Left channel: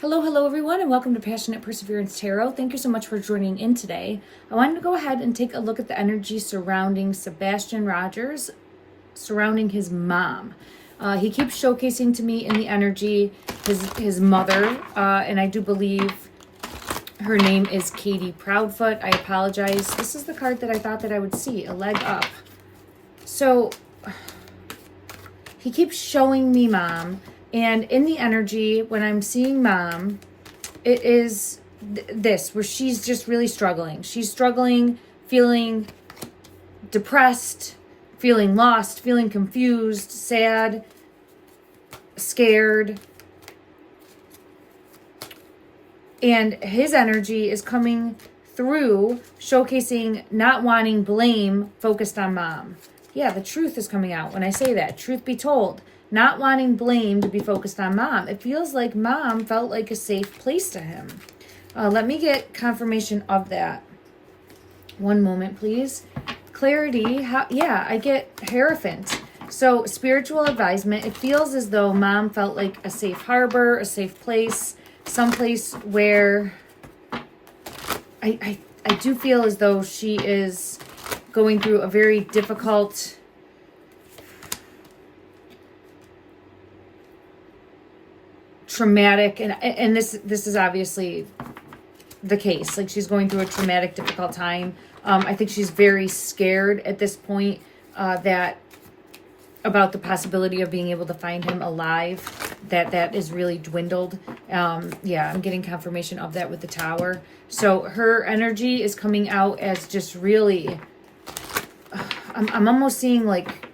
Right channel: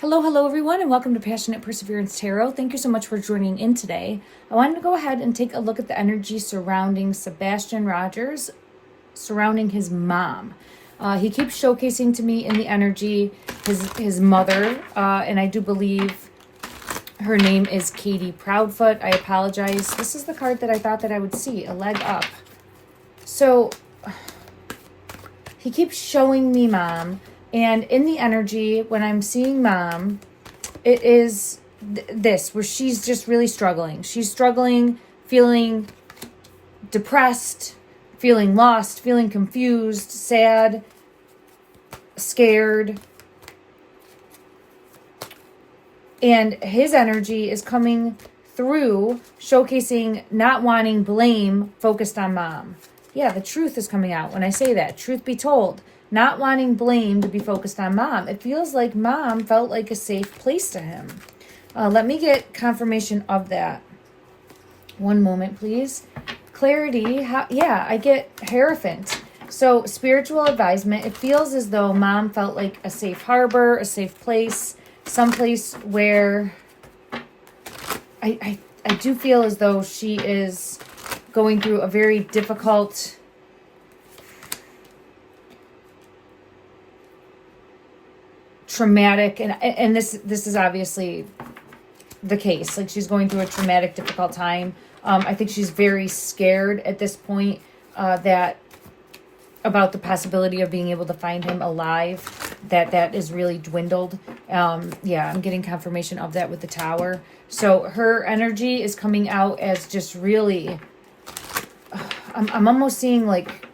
Hello, hello everyone, and welcome to Passionate Perseverance Tarot. Thank you so much for joining in today. I wanted to go ahead and take a look at the energy surrounding Sebastian Rogers, surrounding his mom. He keeps showcasing to me in the energy his mother, and I do believe her name is Katie Proudfoot. I apologize. This is the card that I thought that I would see, a leg up. So he keeps showing me mom. And in the energy, when I'm seeing mom, it is this, where she's just really struggling. She's struggling, feeling depressed, feeling lost, feeling confused, sad, scared. And his energy is coming through, showcasing not wanting blame focused on mom. Yeah, the truth is coming out when I say that. Truth be told. Not wanting blame to be focused on mom. It feels like mom felt like a safe place to him. Let me get confirmation of that. One moment, please. Clarity. Yeah, I get Hierophant. So spiritual advisement. It feels as though mom felt like a safe harbor, a safe place, someplace where I do feel as though she is going through a very difficult traumatic, and this is obviously the case. Like, she's going through a traumatic, difficult time. I think she's very scared at this point that about the possibility of being able to find him alive. That is really dwindled. Yeah, I'm getting confirmation of that with the Tower. So her energy is coming out as just really. I'm almost seeing like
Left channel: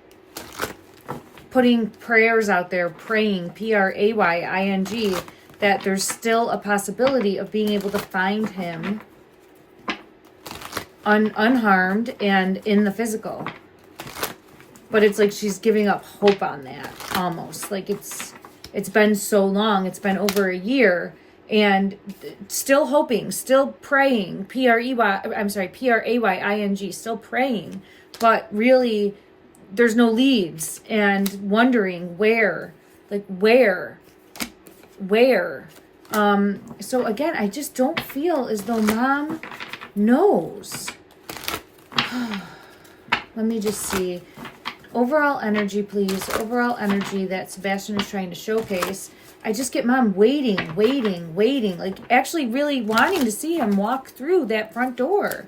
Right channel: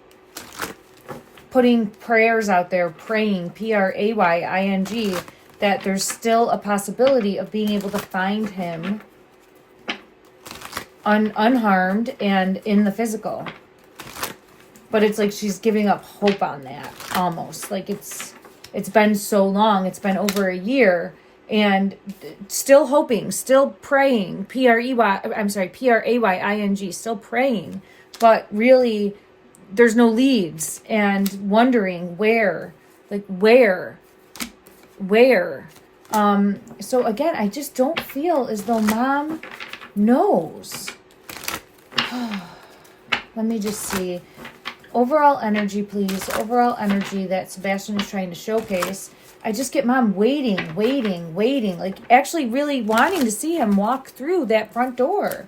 putting prayers out there, praying, Praying, that there's still a possibility of being able to find him unharmed and in the physical. But it's like she's giving up hope on that, almost. Like it's been so long, it's been over a year, and still hoping, still praying, Praying, still praying, but really there's no leads, and wondering where. So again, I just don't feel as though mom knows. Let me just see. Overall energy, please. Overall energy that Sebastian is trying to showcase. I just get mom waiting. Like actually really wanting to see him walk through that front door.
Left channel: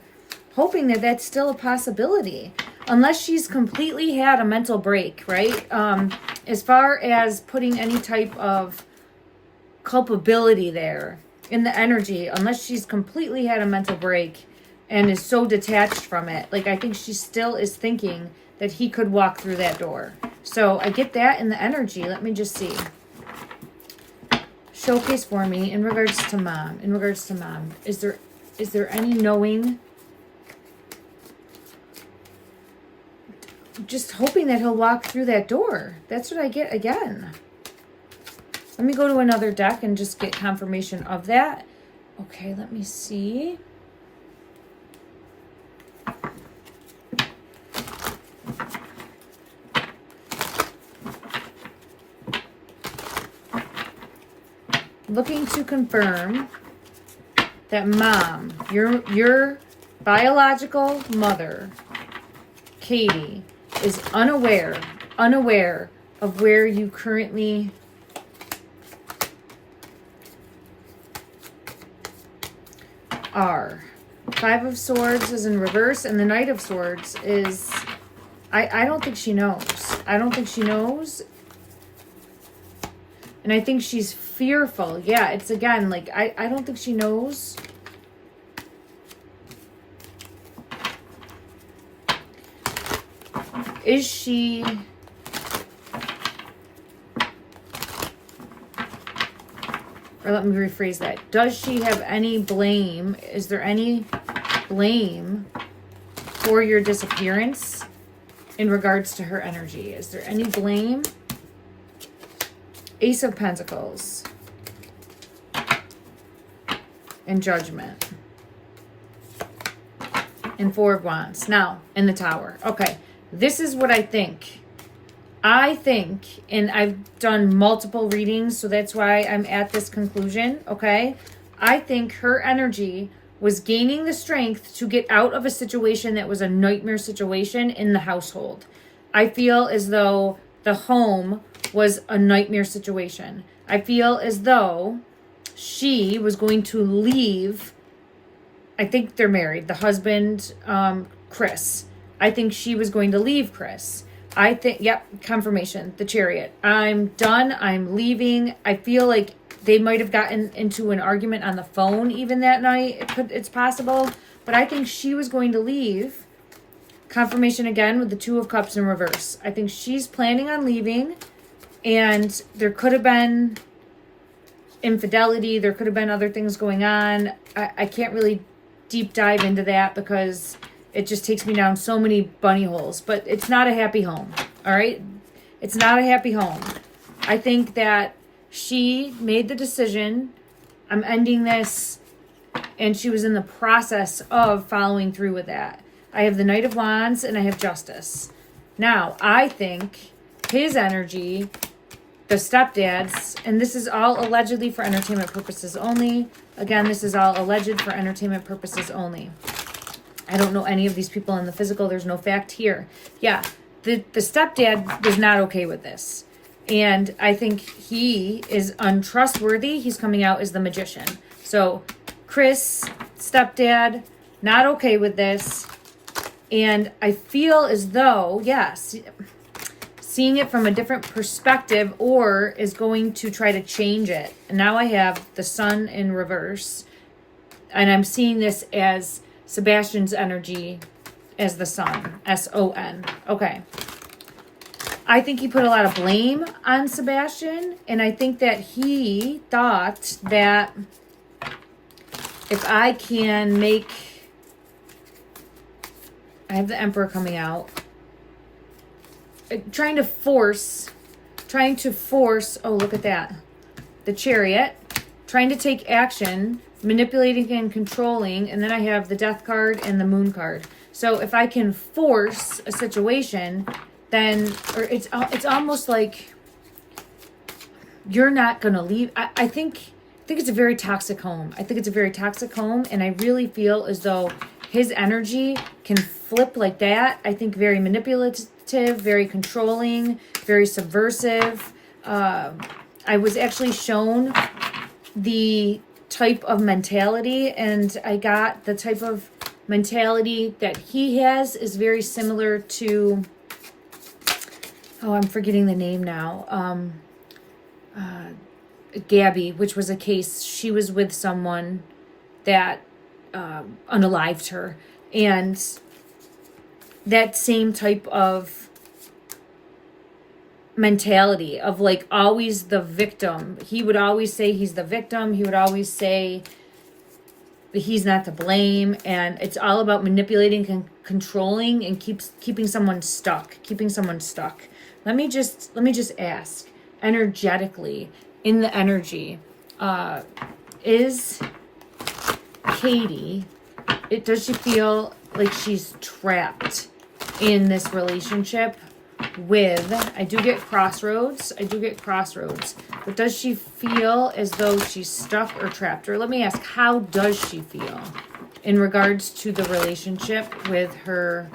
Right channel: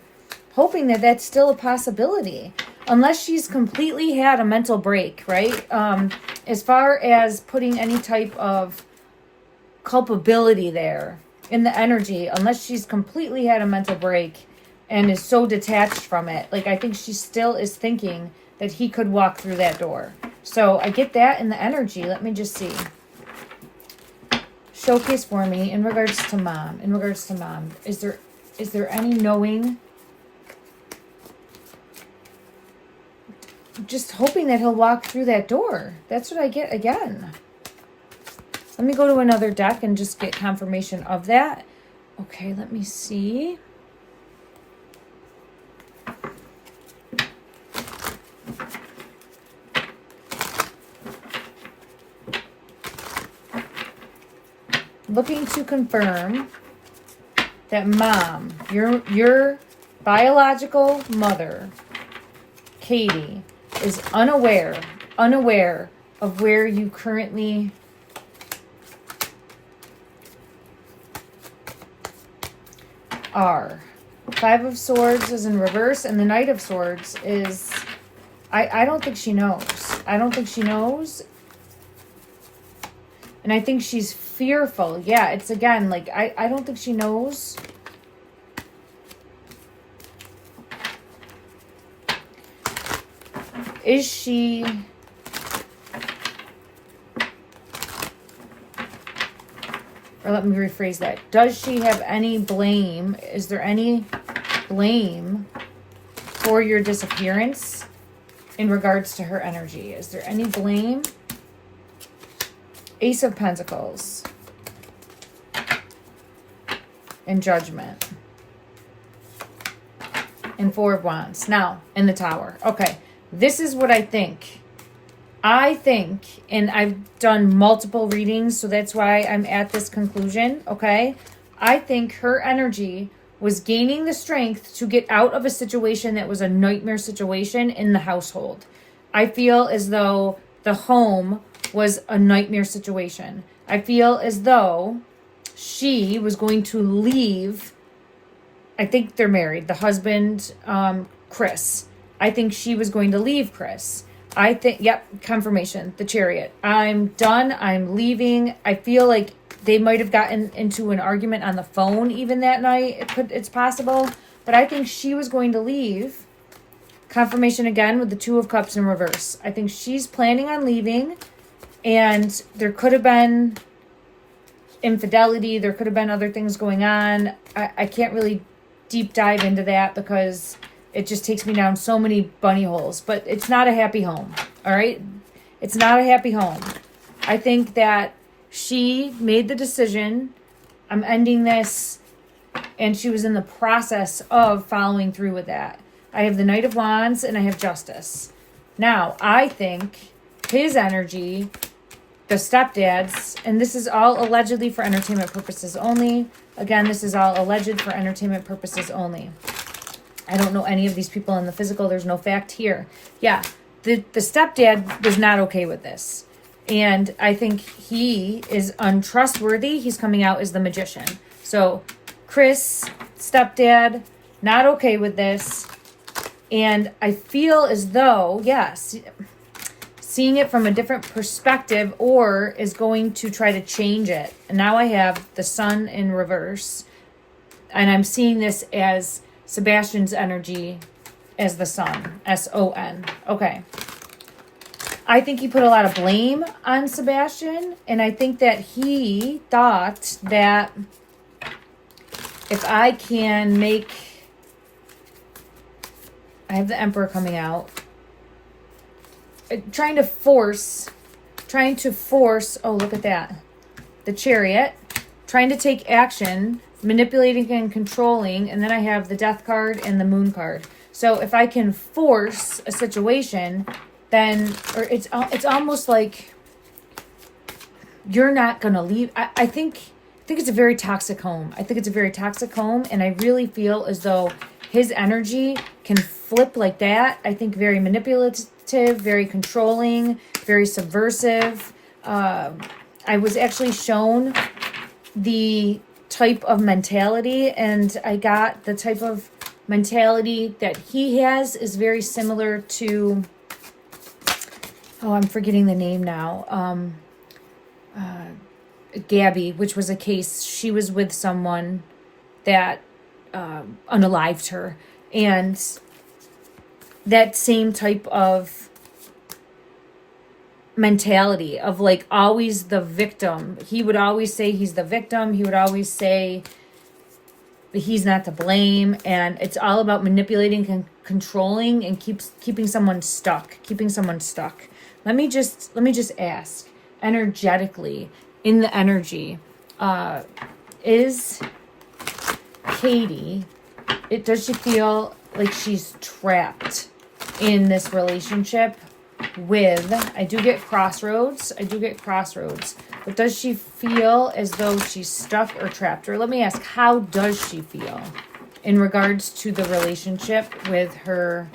Hoping that that's still a possibility. Unless she's completely had a mental break, right? As far as putting any type of culpability there in the energy, unless she's completely had a mental break and is so detached from it. Like, I think she still is thinking that he could walk through that door. So I get that in the energy. Let me just see. Showcase for me in regards to mom. Is there any knowing? Just hoping that he'll walk through that door. That's what I get again. Let me go to another deck and just get confirmation of that. Okay, let me see. Looking to confirm that mom, your biological mother, Katie, is unaware of where you currently are. Five of Swords is in reverse, and the Knight of Swords is, I don't think she knows. And I think she's fearful. Yeah, it's again, like, I don't think she knows. Is she... Or let me rephrase that. Does she have any blame? Is there any blame for your disappearance in regards to her energy? Is there any blame? Ace of Pentacles. And Judgment. And Four of Wands. Now, in the Tower. Okay. This is what I think. I think, and I've done multiple readings, so that's why I'm at this conclusion, okay? I think her energy was gaining the strength to get out of a situation that was a nightmare situation in the household. I feel as though the home was a nightmare situation. I feel as though she was going to leave. I think they're married. The husband, Chris. I think she was going to leave Chris. I think, yep, confirmation, the Chariot. I'm done. I'm leaving. I feel like they might have gotten into an argument on the phone even that night. It's possible. But I think she was going to leave. Confirmation again with the Two of Cups in reverse. I think she's planning on leaving. And there could have been infidelity. There could have been other things going on. I can't really deep dive into that because it just takes me down so many bunny holes. But it's not a happy home, all right? It's not a happy home. I think that she made the decision, I'm ending this, and she was in the process of following through with that. I have the Knight of Wands and I have Justice. Now, I think his energy, the stepdad's, and this is all allegedly for entertainment purposes only. Again, this is all alleged for entertainment purposes only. I don't know any of these people in the physical. There's no fact here. Yeah, the stepdad was not okay with this. And I think he is untrustworthy. He's coming out as the Magician. So Chris, stepdad, not okay with this. And I feel as though, yes, seeing it from a different perspective or is going to try to change it. And now I have the Sun in reverse. And I'm seeing this as Sebastian's energy as the Sun. S-O-N. Okay. I think he put a lot of blame on Sebastian. And I think that he thought that if I can make... I have the Emperor coming out. Trying to force, oh, look at that. The Chariot, trying to take action, manipulating and controlling, and then I have the Death card and the Moon card. So if I can force a situation, then, or it's almost like you're not going to leave. I think it's a very toxic home. I think it's a very toxic home, and I really feel as though his energy can flip like that. I think very manipulative, very controlling, very subversive. I was actually shown the type of mentality, and I got the type of mentality that he has is very similar to, oh, I'm forgetting the name now. Gabby, which was a case, she was with someone that unalived her, and that same type of mentality of like always the victim. He would always say he's the victim. He would always say that he's not to blame, and it's all about manipulating and controlling and keeping someone stuck. Let me just ask energetically, in the energy, is Katie, does she feel like she's trapped in this relationship with, I do get crossroads, but does she feel as though she's stuck or trapped? Or let me ask, how does she feel in regards to the relationship with her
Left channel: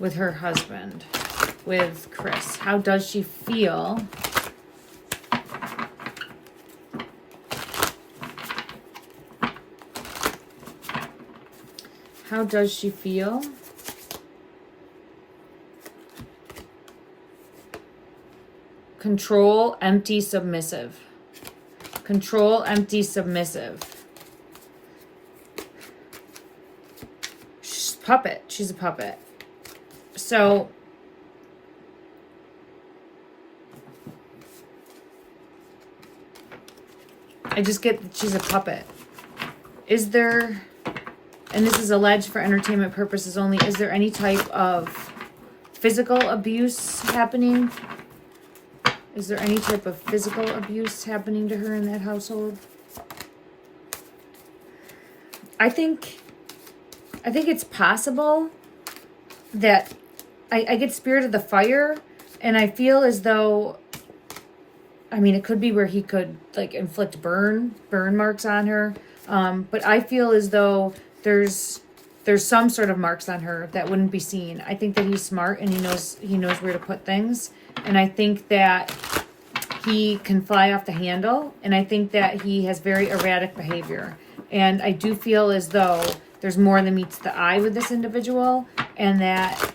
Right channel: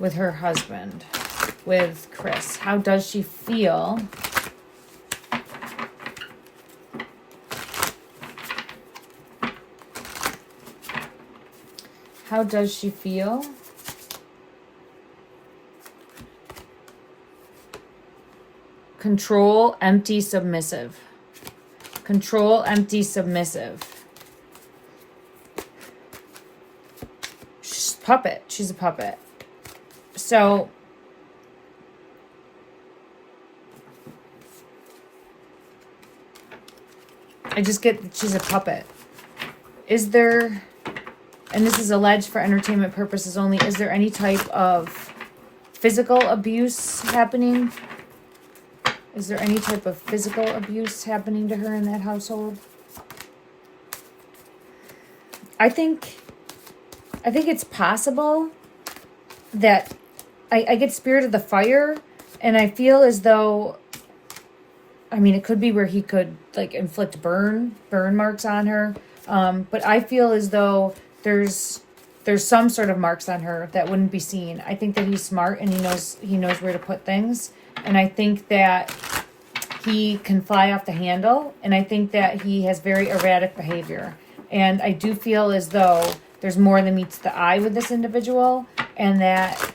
husband, with Chris? How does she feel? How does she feel? Control, empty, submissive. Control, empty, submissive. She's a puppet. She's a puppet. So, I just get that she's a puppet. Is there, and this is alleged for entertainment purposes only, is there any type of physical abuse happening? Is there any type of physical abuse happening to her in that household? I think it's possible that I get Spirit of the Fire, and I feel as though, I mean, it could be where he could like inflict burn marks on her. But I feel as though there's some sort of marks on her that wouldn't be seen. I think that he's smart and he knows where to put things. And I think that he can fly off the handle. And I think that he has very erratic behavior. And I do feel as though there's more than meets the eye with this individual. And that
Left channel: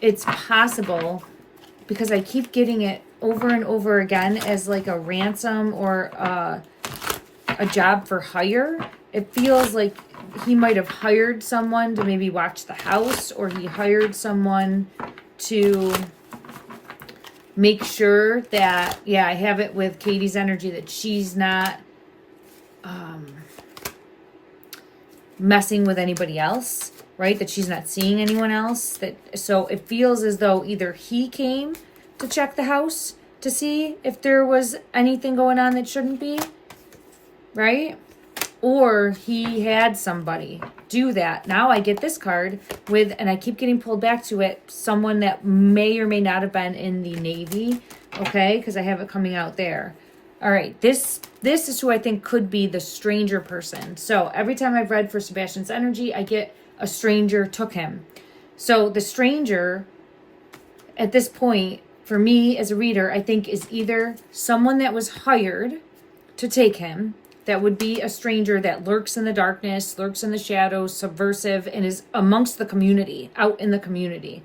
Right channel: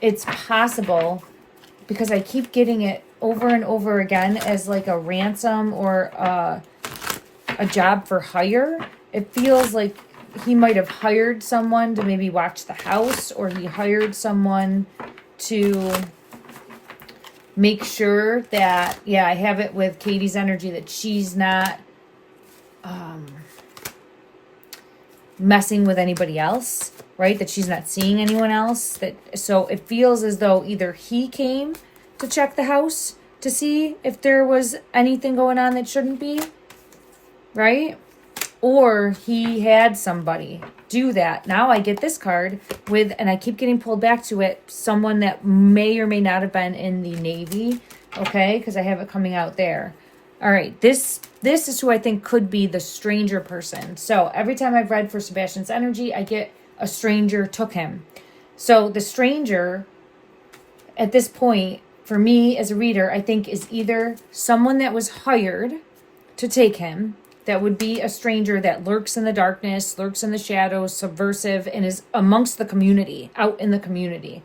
it's possible, because I keep getting it over and over again as like a ransom or a job for hire. It feels like he might have hired someone to maybe watch the house, or he hired someone to make sure that, yeah, I have it with Katie's energy, that she's not messing with anybody else, right? That she's not seeing anyone else. So it feels as though either he came to check the house to see if there was anything going on that shouldn't be, right? Or he had somebody do that. Now I get this card with, and I keep getting pulled back to it, someone that may or may not have been in the Navy, okay? Because I have it coming out there. All right, this is who I think could be the stranger person. So every time I've read for Sebastian's energy, I get a stranger took him. So the stranger, at this point, for me as a reader, I think is either someone that was hired to take him, that would be a stranger that lurks in the darkness, lurks in the shadows, subversive, and is amongst the community, out in the community.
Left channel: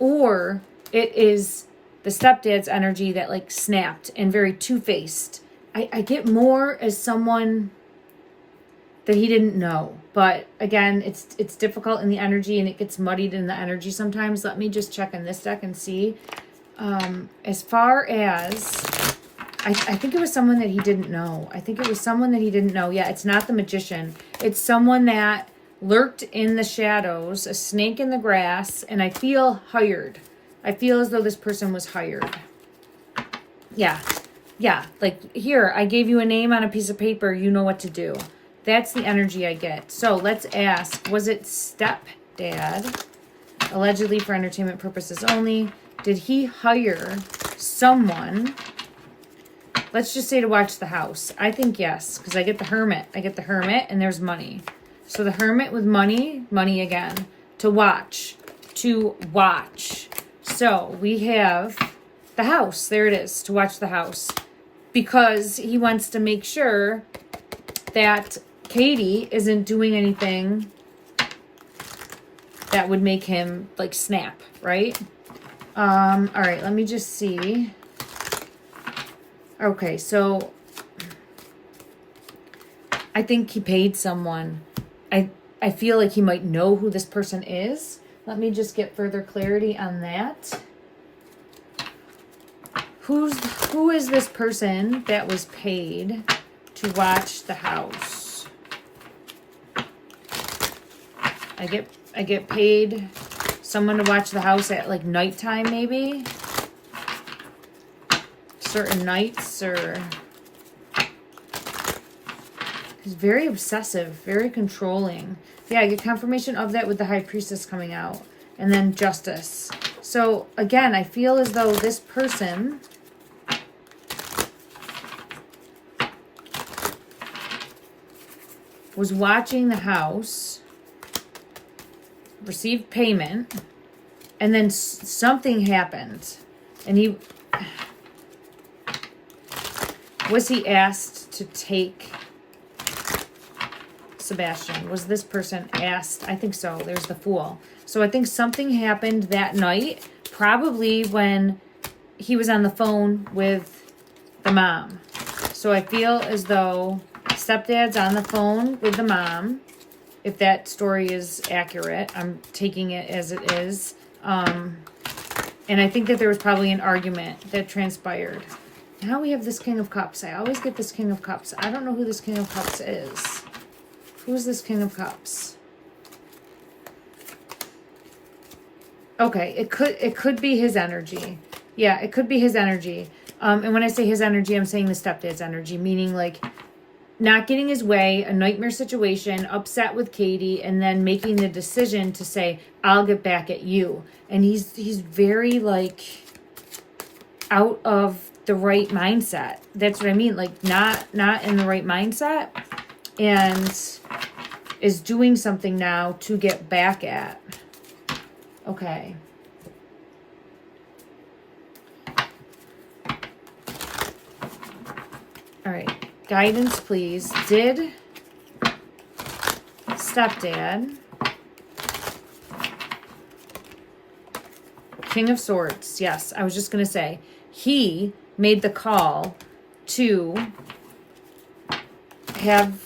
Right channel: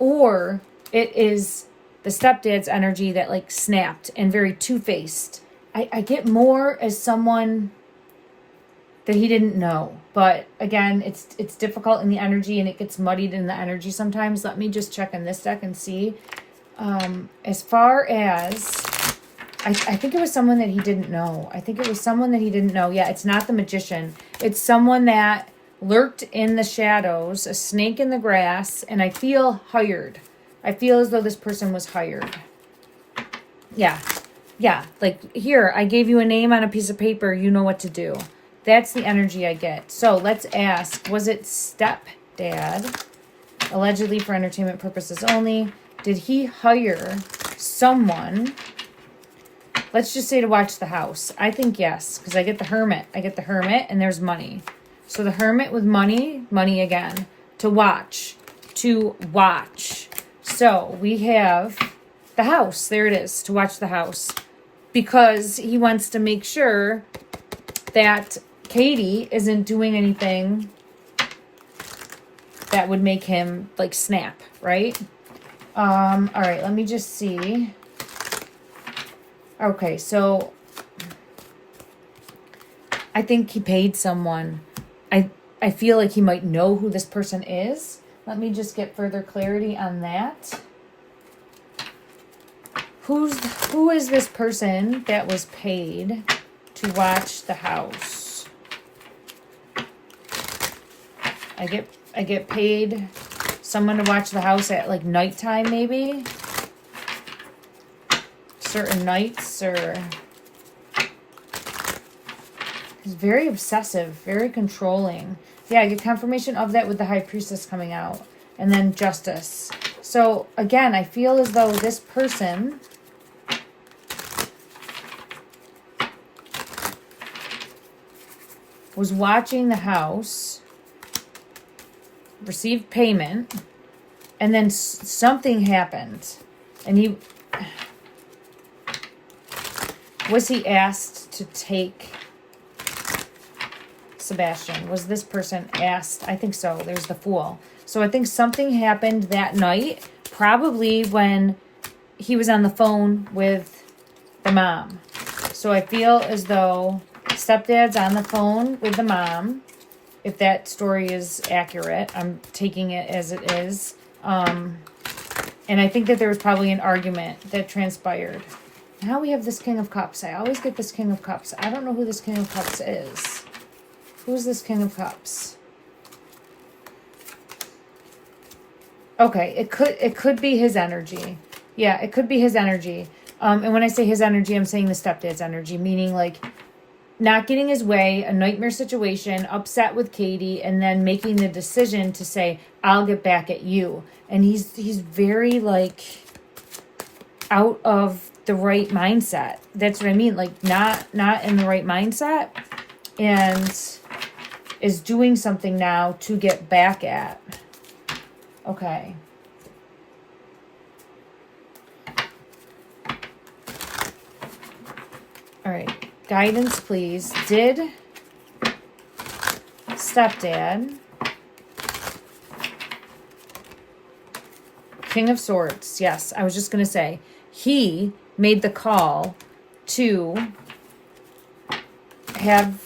Or it is the stepdad's energy that like snapped and very two-faced. I get more as someone that he didn't know. But again, it's difficult in the energy and it gets muddied in the energy sometimes. Let me just check in this deck and see. As far as, I think it was someone that he didn't know. I think it was someone that he didn't know. Yeah, it's not the magician. It's someone that lurked in the shadows, a snake in the grass, and I feel hired. I feel as though this person was hired. Yeah. Yeah, like here, I gave you a name on a piece of paper. You know what to do. That's the energy I get. So let's ask, was it stepdad, allegedly for entertainment purposes only? Did he hire someone, let's just say to watch the house? I think yes, because I get the hermit. I get the hermit and there's money. So the hermit with money, money again, to watch. So we have the house. There it is, to watch the house. Because he wants to make sure that Katie isn't doing anything that would make him like snap, right? All right, let me just see. Okay, so I think he paid someone. I feel like he might know who this person is. Let me just get further clarity on that. Who is this person that was paid to watch the house? I get paid someone to watch the house at like nighttime, maybe certain nights, or he's very obsessive, very controlling. Yeah, I get confirmation of that with the High Priestess coming out, and then Justice. So again, I feel as though this person was watching the house, received payment, and then something happened. And was he asked to take Sebastian? Was this person asked? I think so. There's the Fool. So I think something happened that night, probably when he was on the phone with the mom. So I feel as though stepdad's on the phone with the mom. If that story is accurate, I'm taking it as it is. And I think that there was probably an argument that transpired. Now we have this King of Cups. I always get this King of Cups. I don't know who this King of Cups is. Who's this King of Cups? Okay, it could be his energy. Yeah, it could be his energy. And when I say his energy, I'm saying the stepdad's energy, meaning like not getting his way, a nightmare situation, upset with Katie, and then making the decision to say, I'll get back at you. And he's very like out of the right mindset. That's what I mean. Like not in the right mindset, and is doing something now to get back at. Okay. All right. Guidance, please. Did stepdad, King of Swords, yes, I was just going to say, he made the call to have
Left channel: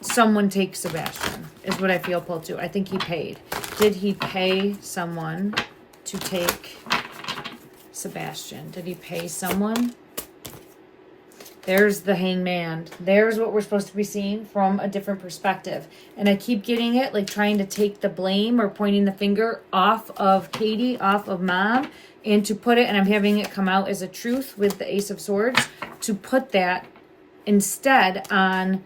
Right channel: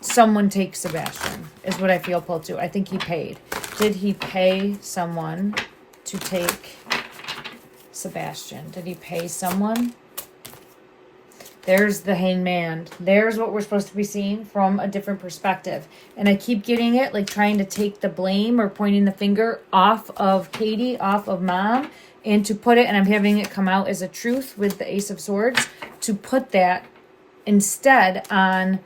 someone take Sebastian, is what I feel pulled to. I think he paid. Did he pay someone to take Sebastian? Did he pay someone? There's the hangman. There's what we're supposed to be seeing from a different perspective. And I keep getting it, like trying to take the blame or pointing the finger off of Katie, off of mom, and to put it, and I'm having it come out as a truth with the Ace of Swords, to put that instead on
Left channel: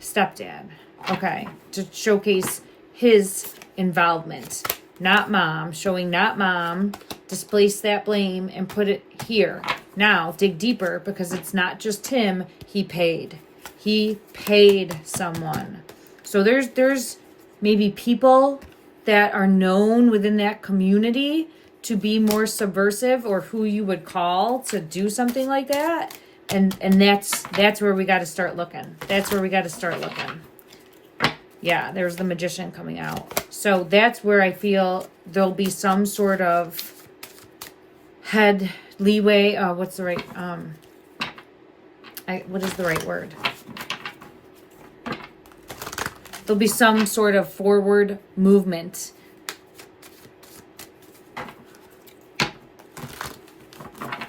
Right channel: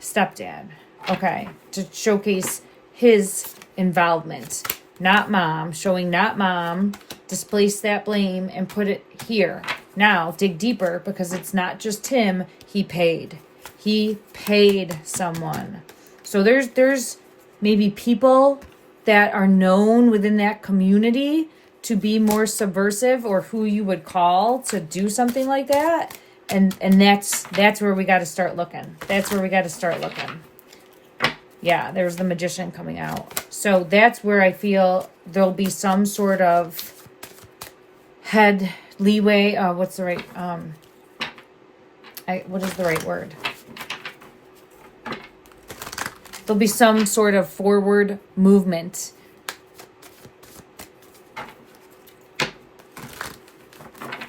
stepdad. Okay, to showcase his involvement. Not mom, showing not mom, displace that blame and put it here. Now, dig deeper, because it's not just him. He paid. He paid someone. So there's maybe people that are known within that community to be more subversive, or who you would call to do something like that. And that's where we got to start looking. That's where we got to start looking. Yeah, there's the Magician coming out. So that's where I feel there'll be some sort of head leeway. What's the right, what is the right word? There'll be some sort of forward movement.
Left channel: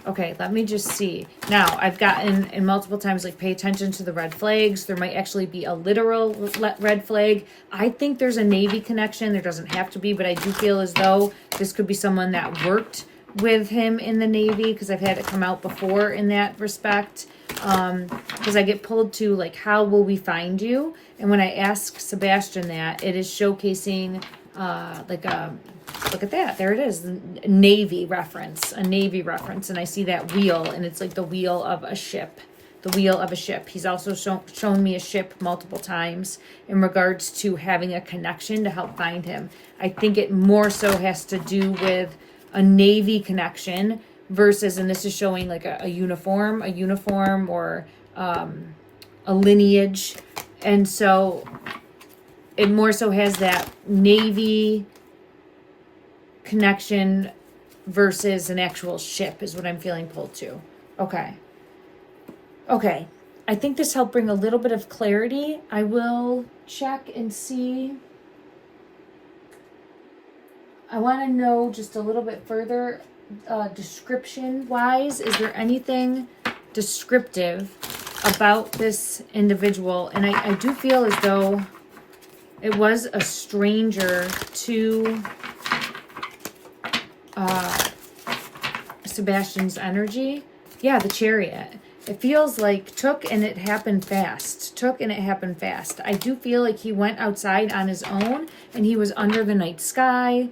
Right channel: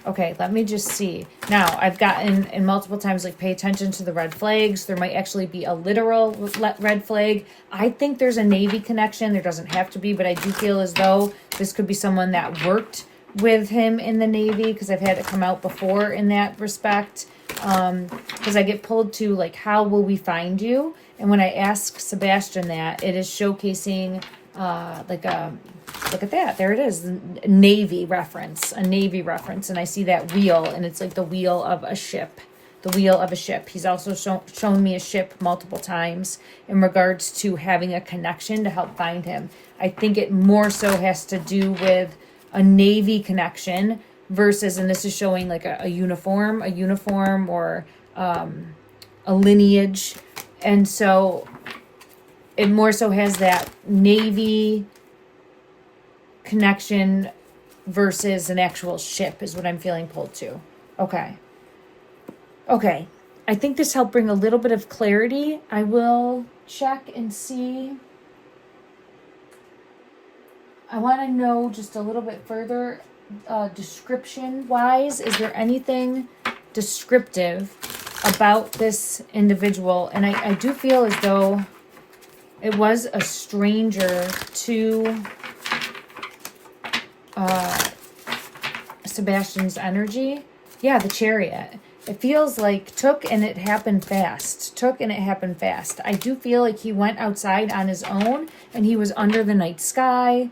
Okay, let me just see. Now, I've gotten in multiple times, like, pay attention to the red flags. There might actually be a literal red flag. I think there's a Navy connection. There doesn't have to be, but I do feel as though this could be someone that worked with him in the Navy, because I've had it come out before in that respect. Because I get pulled to, like, how will we find you? And when I ask Sebastian that, it is showcasing like a, look at that, there it is, Navy reference, a Navy reference, and I see that wheel, and it's like the wheel of a ship. The wheel of a ship. He's also shown me a ship multiple times in regards to having a connection to help find him. I think it more so has to do with a Navy connection versus, and this is showing like a uniform or a lineage. And so it more so has that Navy connection versus an actual ship is what I'm feeling pulled to. Okay. Okay. I think this helped bring a little bit of clarity. I will check and see. I want to know just a little bit further, description-wise. Is there anything descriptive about this individual? And I do feel as though it was a stranger to Sebastian's energy. Yeah, the Chariot. It feels like took and it happened fast. Took and it happened fast. I do feel like he went outside on his own and he was under the night sky.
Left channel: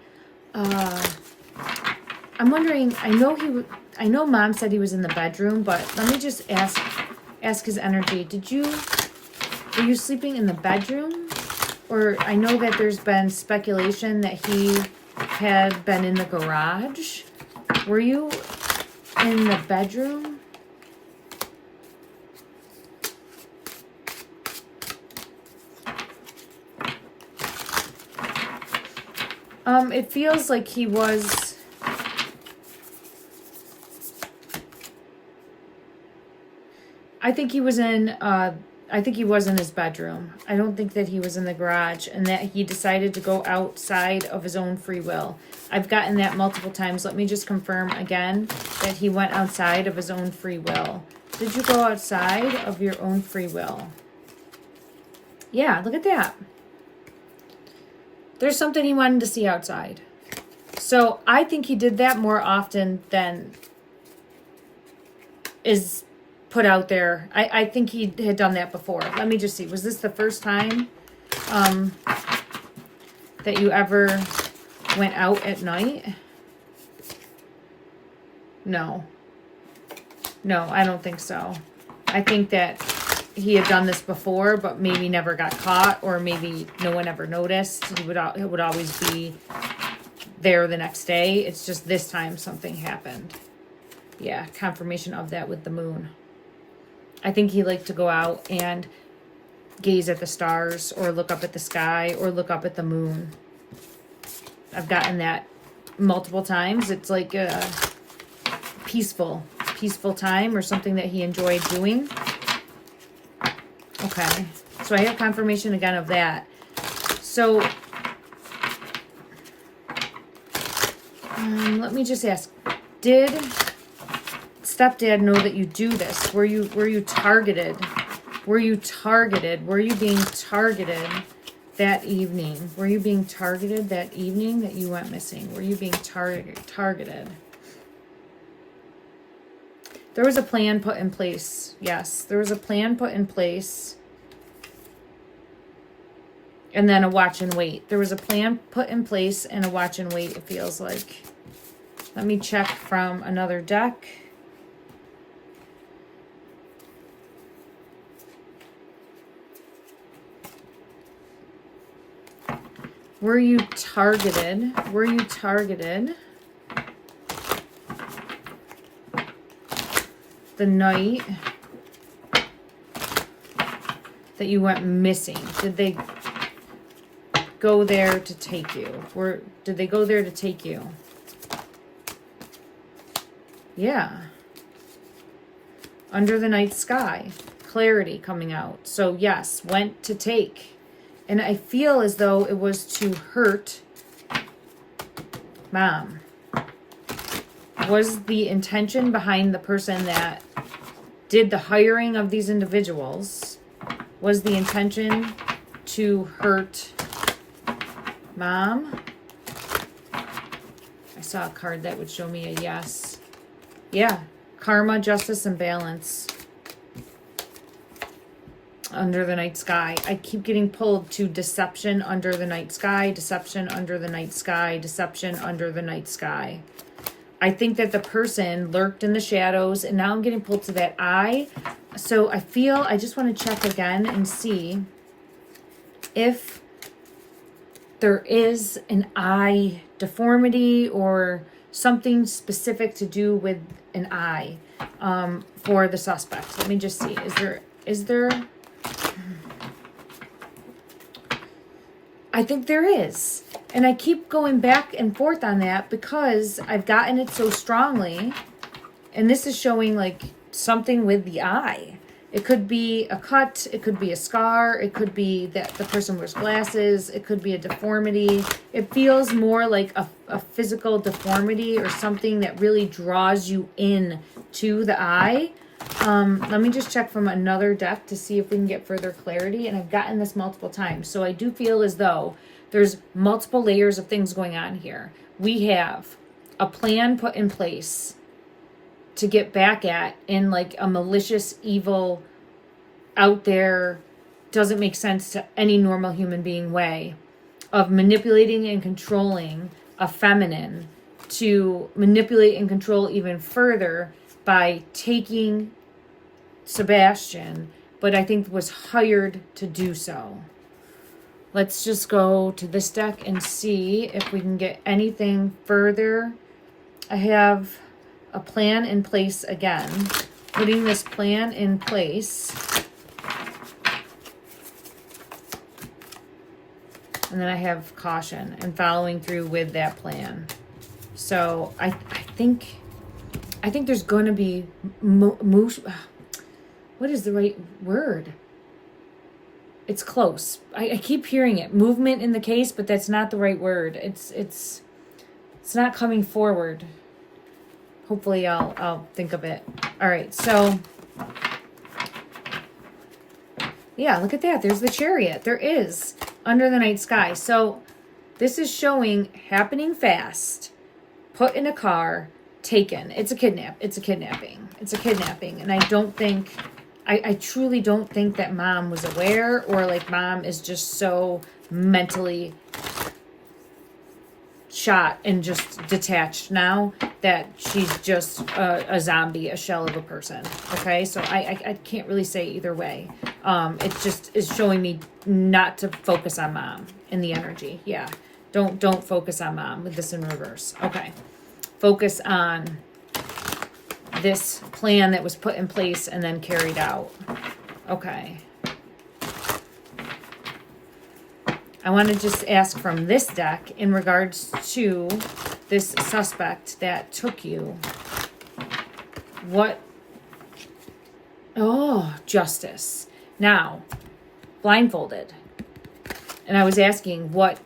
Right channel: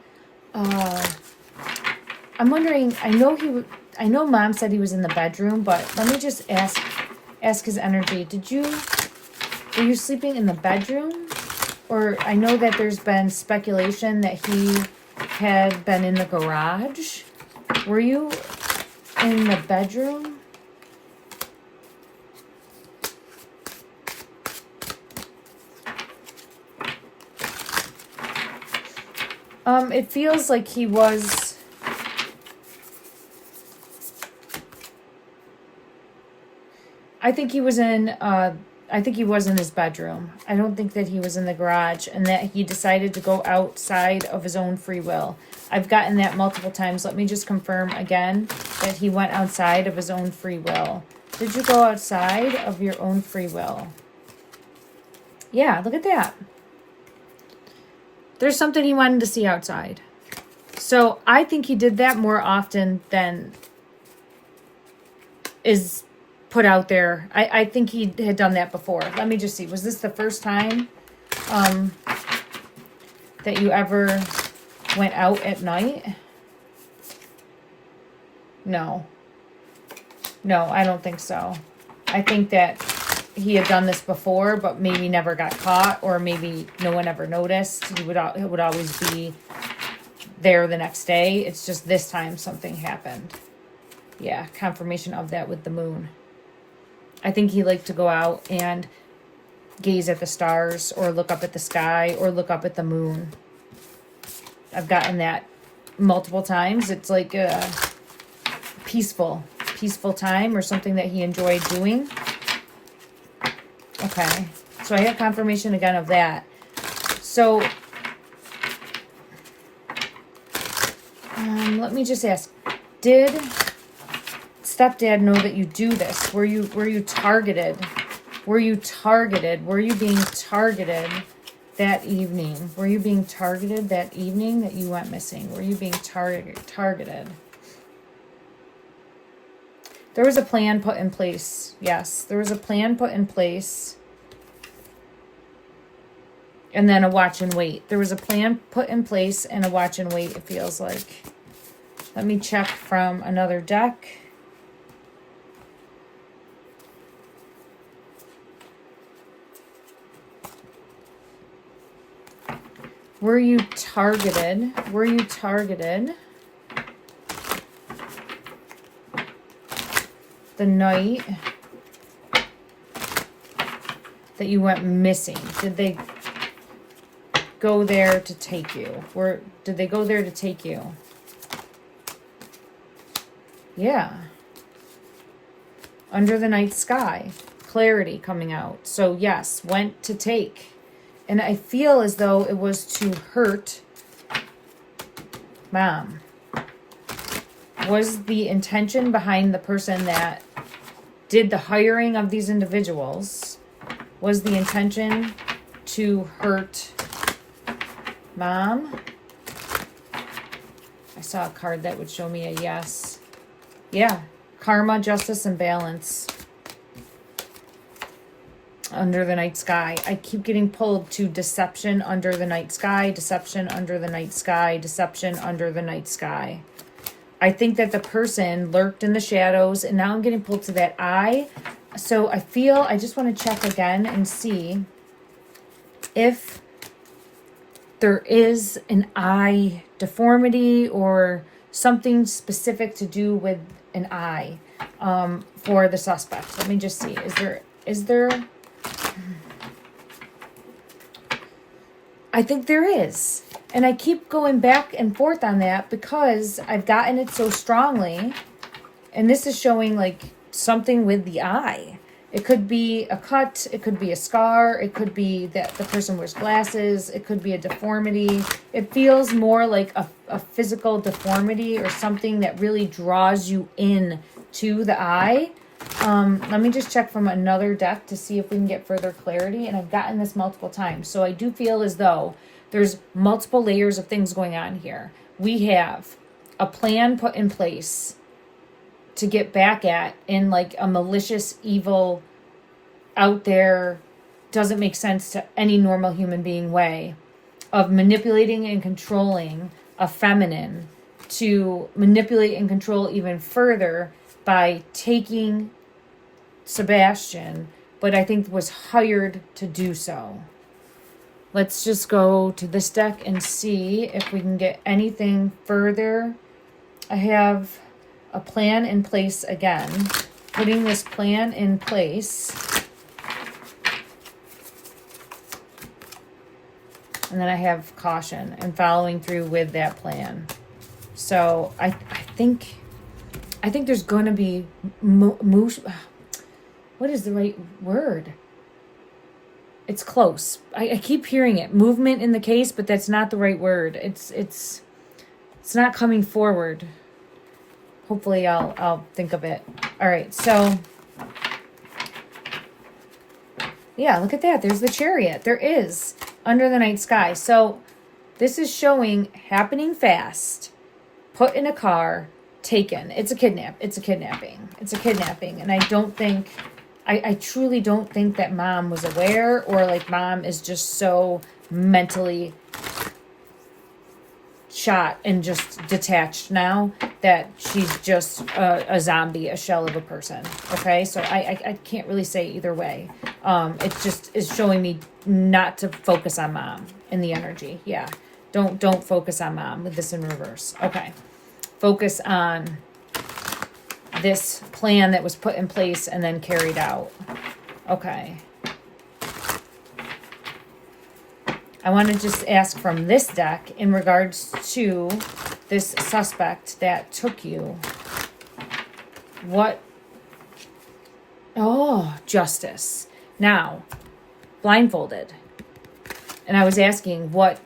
I'm wondering, I know mom said he was in the bedroom, but let me just ask his energy. Were you sleeping in the bedroom? Or I know that there's been speculation that he had been in the garage. Were you in the bedroom? It feels like he was. I think he was in his bedroom. I don't think that he was in the garage, and that he decided to go outside of his own free will. I've gotten that multiple times. Let me just confirm again that he went outside of his own free will. Did you go outside of your own free will? Yeah, look at that. There's something he wanted to see outside. So I think he did that more often than is put out there. I think he had done that before. Let me just see. Was this the first time that you ever went out at night? No. No, I don't think so. I think that he had done this before, but maybe never got caught, or maybe no one ever noticed. It would always be there the next day. It's just this time something happened. Yeah, confirmation of that with the moon. I think he liked to go out and gaze at the stars, or look up at the sky, or look up at the moon. I've gotten that multiple times. It's like a peaceful time, or something that he enjoyed doing. Okay, so I have confirmation again of that. So let me just ask, did stepdad know that you do this? Were you targeted? Were you targeted? Were you being targeted that evening? Were you being targeted that evening that you went missing? Were you being targeted? There was a plan put in place. Yes, there was a plan put in place. And then a watch and wait. There was a plan put in place and a watch and wait, it feels like. Let me check from another deck. Were you targeted? Were you targeted the night that you went missing? Did they go there to take you? Or did they go there to take you? Yeah. Under the night sky. Clarity coming out. So yes, went to take. And I feel as though it was to hurt Mom. Was the intention behind the person that did the hiring of these individuals, was the intention to hurt Mom? I saw a card that would show me a yes. Yeah. Karma, justice, and balance. Under the night sky. I keep getting pulled to deception under the night sky, deception under the night sky, deception under the night sky. I think that the person lurked in the shadows, and now I'm getting pulled to that eye. So I just want to check again and see if there is an eye deformity or something specific to do with an eye for the suspect. Let me just see. Is there? I think there is. And I keep going back and forth on that because I've gotten it so strongly. And this is showing like something with the eye. It could be a cut. It could be a scar. It could be that the person wears glasses. It could be a deformity. It feels more like a physical deformity or something that really draws you in to the eye. Let me just check from another deck to see if we can get further clarity. And I've gotten this multiple times. So I do feel as though there's multiple layers of things going on here. We have a plan put in place to get back at in like a malicious, evil, out there, doesn't make sense to any normal human being way of manipulating and controlling a feminine to manipulate and control even further by taking Sebastian, but I think was hired to do so. Let's just go to this deck and see if we can get anything further. I have a plan in place again. Putting this plan in place. And then I have caution and following through with that plan. So I think there's going to be what is the right word? It's close. I keep hearing it. Movement in the case, but that's not the right word. It's not coming forward. Hopefully I'll think of it. All right, so yeah, look at that. There's the Chariot. There is under the night sky. So this is showing happening fast, put in a car, taken. It's a kidnapping. It's a kidnapping. And I don't think, I truly don't think that mom was aware, or like mom is just so mentally shot and just detached now that she's just a zombie, a shell of a person. Okay, so I can't really say either way. It just is showing me not to focus on mom in the energy. Yeah, don't focus on mom with this in reverse. Okay, focus on this plan that was put in place and then carried out. Okay. I want to just ask from this deck in regards to this suspect that took you. What? Oh, justice. Now, blindfolded. And I was asking what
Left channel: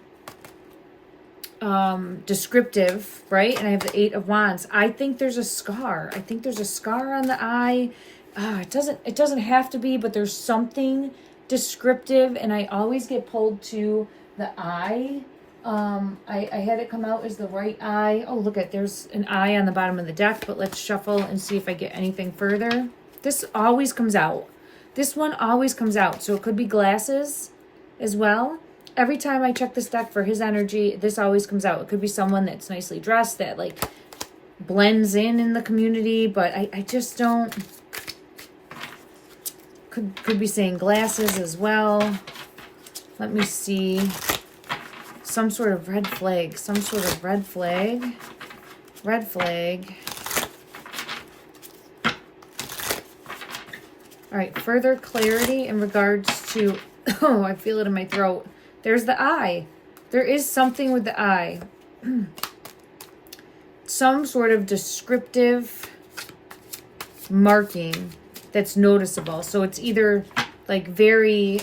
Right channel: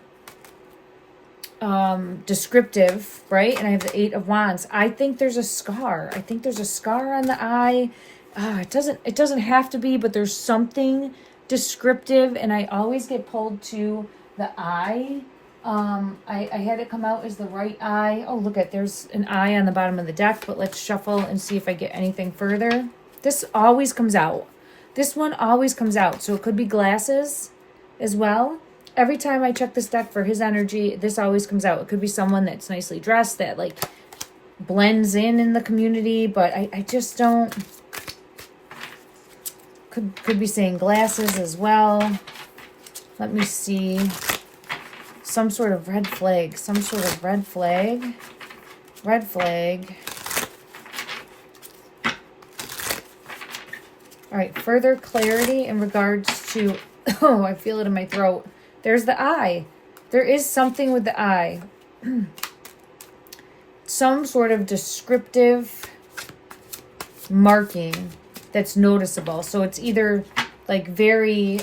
descriptive, right? And I have the 8 of Wands. I think there's a scar. I think there's a scar on the eye. It doesn't have to be, but there's something descriptive, and I always get pulled to the eye. I had it come out as the right eye. Oh, look at, there's an eye on the bottom of the deck, but let's shuffle and see if I get anything further. This always comes out. This one always comes out. So it could be glasses as well. Every time I check this deck for his energy, this always comes out. It could be someone that's nicely dressed, that like blends in the community, but I just don't. Could be saying glasses as well. Let me see. Some sort of red flag. Some sort of red flag. Red flag. All right, further clarity in regards to, oh, I feel it in my throat. There's the eye. There is something with the eye. Some sort of descriptive marking that's noticeable. So it's either like very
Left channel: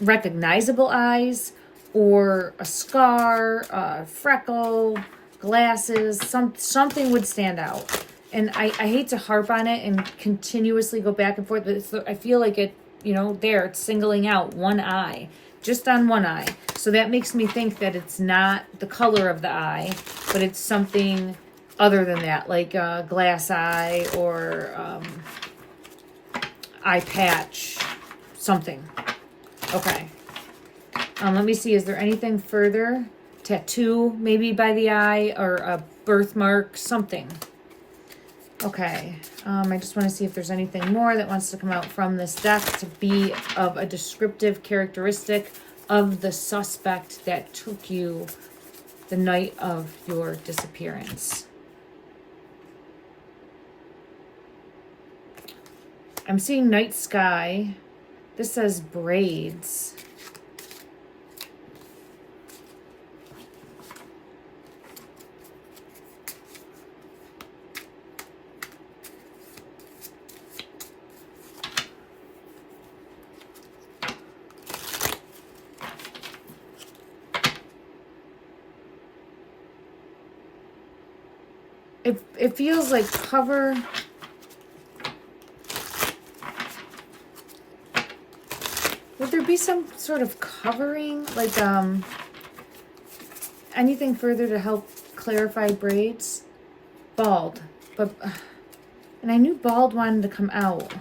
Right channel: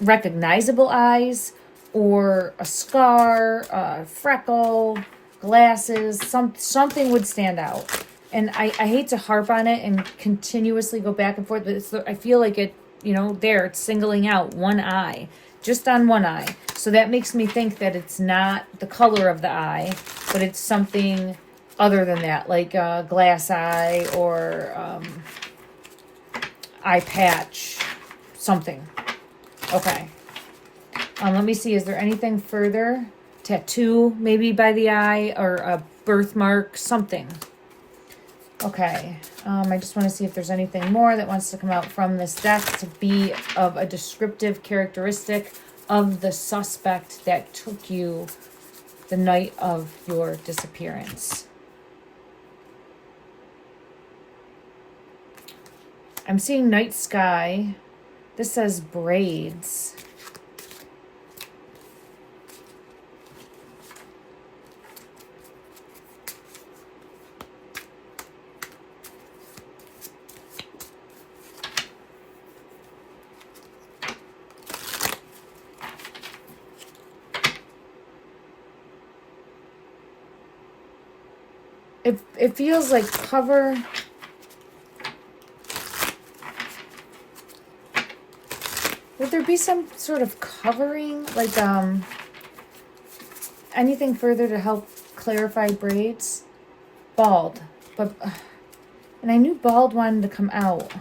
recognizable eyes, or a scar, a freckle, glasses, something would stand out. And I hate to harp on it and continuously go back and forth, but I feel like it, you know, there, it's singling out one eye, just on one eye. So that makes me think that it's not the color of the eye, but it's something other than that, like a glass eye or eye patch, something. Okay. Let me see, is there anything further? Tattoo, maybe by the eye, or a birthmark, something. Okay. I just want to see if there's anything more that wants to come out from this deck to be of a descriptive characteristic of the suspect that took you the night of your disappearance. I'm seeing night sky. This says braids. It feels like cover. Would there be some sort of covering, like anything further to help clarify braids? Bald, but and I knew bald wanted to come out.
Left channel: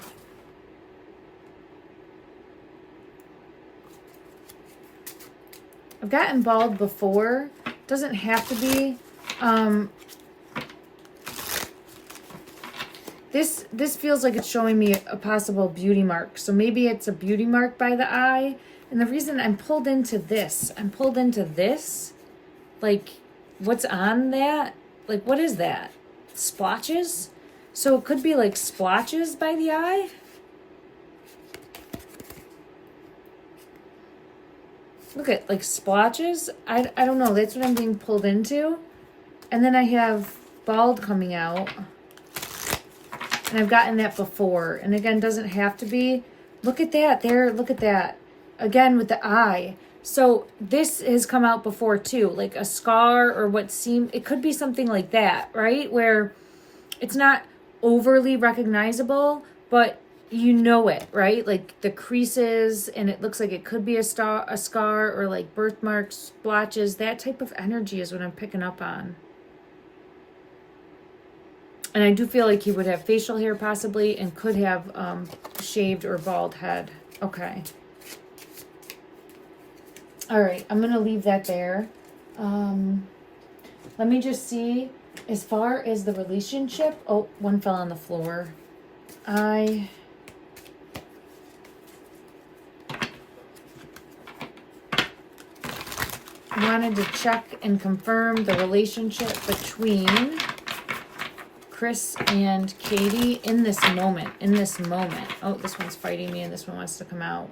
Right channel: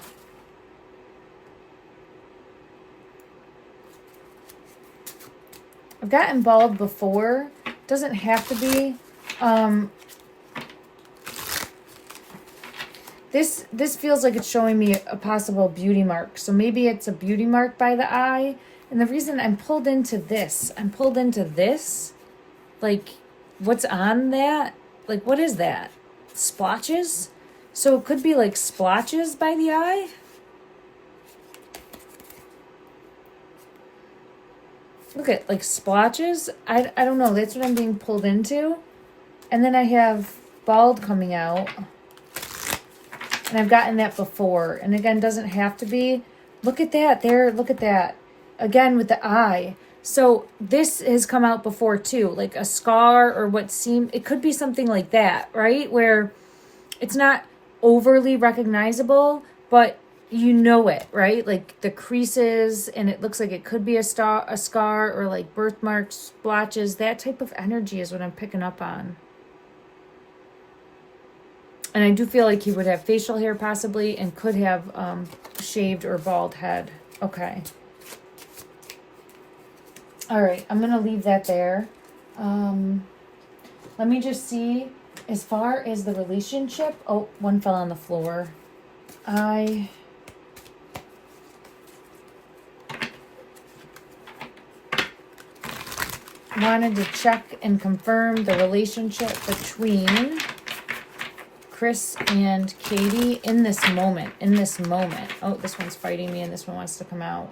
I've gotten bald before. Doesn't have to be. This feels like it's showing me a possible beauty mark. So maybe it's a beauty mark by the eye. And the reason I'm pulled into this, like, what's on that? Like, what is that? Splotches? So it could be like splotches by the eye? Look at, like, splotches. I don't know. That's what I'm being pulled into. And then I have bald coming out. And I've gotten that before. And again, doesn't have to be. Look at that. There, look at that. Again, with the eye. So this has come out before too. Like a scar or what seemed... It could be something like that, right? Where it's not overly recognizable, but you know it, right? Like the creases, and it looks like it could be a scar, or like birthmarks, splotches. That type of energy is what I'm picking up on. And I do feel like he would have facial hair possibly, and could have shaved or bald head. Okay. All right, I'm going to leave that there. Let me just see, as far as the relationship. Oh, one fell on the floor. I wanted to check and confirm the relationship between Chris and Katie in this moment. Oh, this one's fighting me, and this one wants to come out.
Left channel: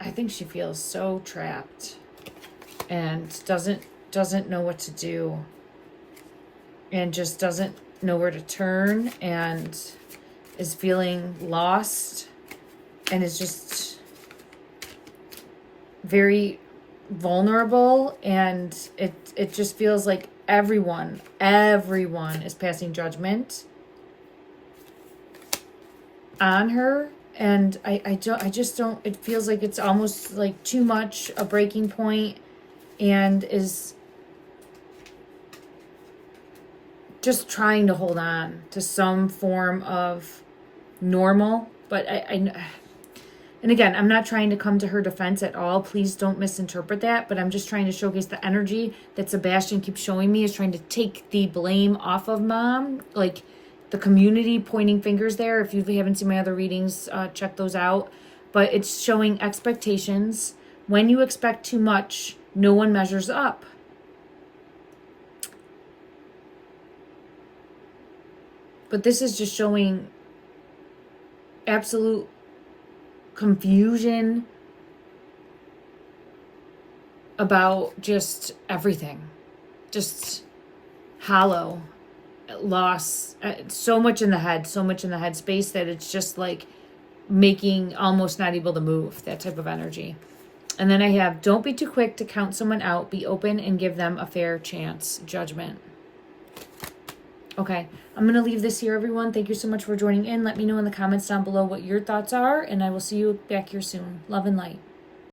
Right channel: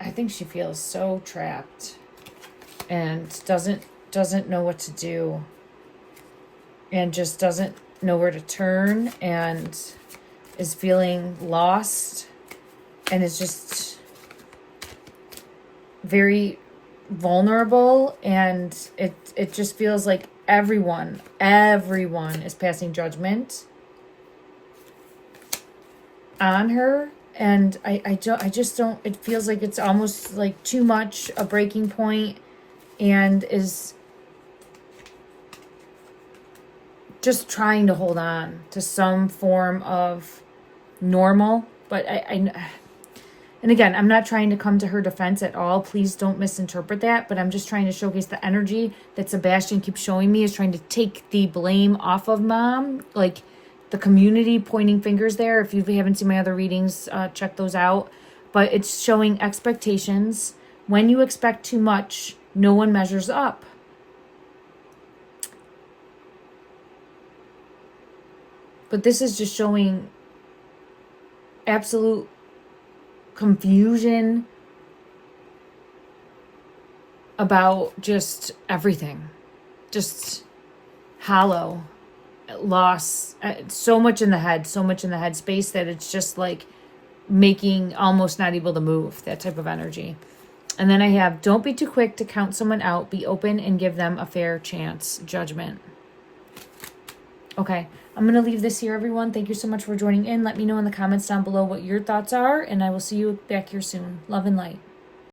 I think she feels so trapped and doesn't know what to do, and just doesn't know where to turn, and is feeling lost, and is just very vulnerable, and it just feels like everyone is passing judgment on her. And I just don't, it feels like it's almost like too much, a breaking point, and is just trying to hold on to some form of normal. But and again, I'm not trying to come to her defense at all. Please don't misinterpret that. But I'm just trying to showcase the energy that Sebastian keeps showing me is trying to take the blame off of mom. Like the community pointing fingers there. If you haven't seen my other readings, check those out. But it's showing expectations. When you expect too much, no one measures up. But this is just showing absolute confusion about just everything. Just hollow. Loss, so much in the head space that it's just like making almost not able to move, that type of energy. And then I have, don't be too quick to count someone out, be open and give them a fair chance. Judgment. Okay, I'm going to leave this here, everyone. Thank you so much for joining in. Let me know in the comments down below what your thoughts are, and I will see you back here soon. Love and light.